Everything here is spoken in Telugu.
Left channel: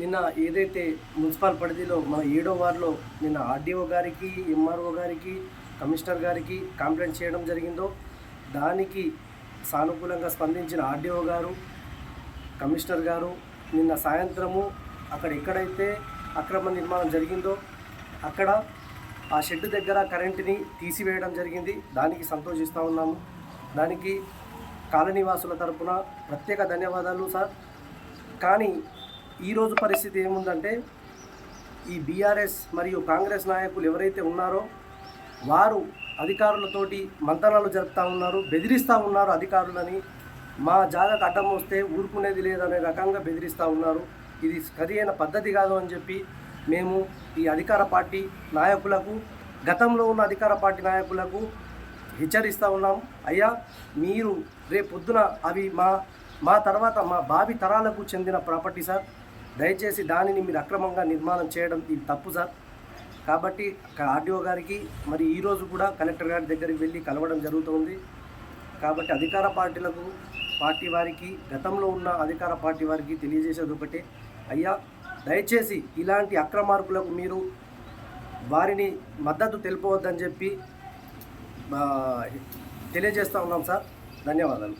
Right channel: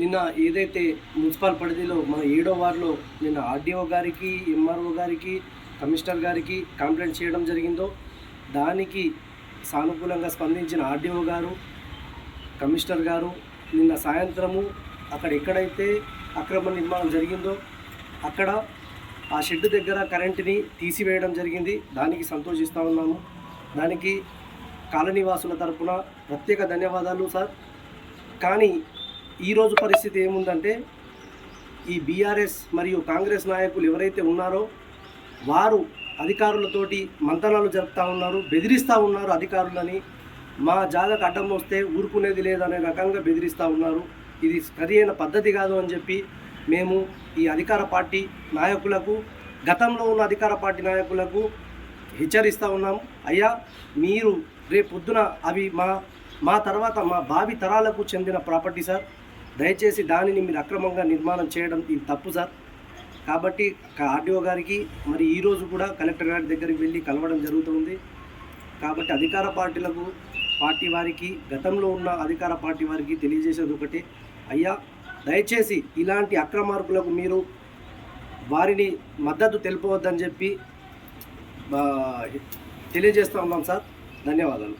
నిన్న ఏదైతే మున్సిపల్ పరిధిలో మన ఏడో వార్డులో నిన్న ఆర్డీఓ గారికి ఎంఆర్ఓ గారికి కమిషనర్ గారికి కంప్లైంట్ చేయడం జరిగిందో దానికి సానుకూలంగా స్పందించిన ఆర్డీఓ గారు కమిషనర్ గారు నిన్న సాయంత్రము అక్కడ ఎక్కడైతే అక్రమ నిర్మాణం జరిగిందో అక్కడ ఆ షెడ్ దగ్గర కరెంటుని తీసివేయడం జరిగింది. దానికి సంతోషిస్తూ ఉన్నాము. దానికి కాలనీవాసుల తరపున ప్రత్యేక ధన్యవాదాలు సార్. కానీ ఈరోజు పరిస్థితి ఏముందంటే ఈ బీఆర్ఎస్ మరియు కాంగ్రెస్ నాయకులు ఎవరైతే ఉన్నారో వారు అధికారులతోటి మంతనాలు జరుపుతూ ఉన్నారు బెదిరిస్తూ ఉన్నారు అధికారులని. మా జాగకు అడ్డం వస్తే ఊరుకునేది లేదనే రకంగా బెదిరిస్తూ ఉన్నారు. ఇది సరియైన పద్ధతి కాదు అని చెప్పి మేము ఈ అధికార పార్టీ నాయకులకు గతంలో ఉన్న అధికార పార్టీ నాయకులకు హెచ్చరిస్తూ ఉన్నాం. అయ్యా మీరు రేపు పొద్దున అవి మా మా తర్వాత మా భావి తరాలకు చెందిన ప్రాపర్టీ సార్. దయచేసి దానిని మీరు అక్రమంగా నిర్మాణం చేయడం ఇది తప్పు సార్. కాబట్టి ఆర్డీఓ గారికి మరి ఈరోజు కూడా కలెక్టర్ గారి దగ్గరికి వెళ్ళి కలవడం జరుగుతుంది. కాబట్టి అధికార పార్టీలకు పార్టీ వారికి గతంలో ఉన్న అధికార పార్టీ వారికి తెలియజేసేది ఒకటే. అయ్యా దయచేసి ఇలాంటి అక్రమార్కులకు మీరు వారిని మద్దతు తెలుపవద్దని చెప్పి తెలియజేస్తూ ఉన్నాం సార్. ధన్యవాదాలు.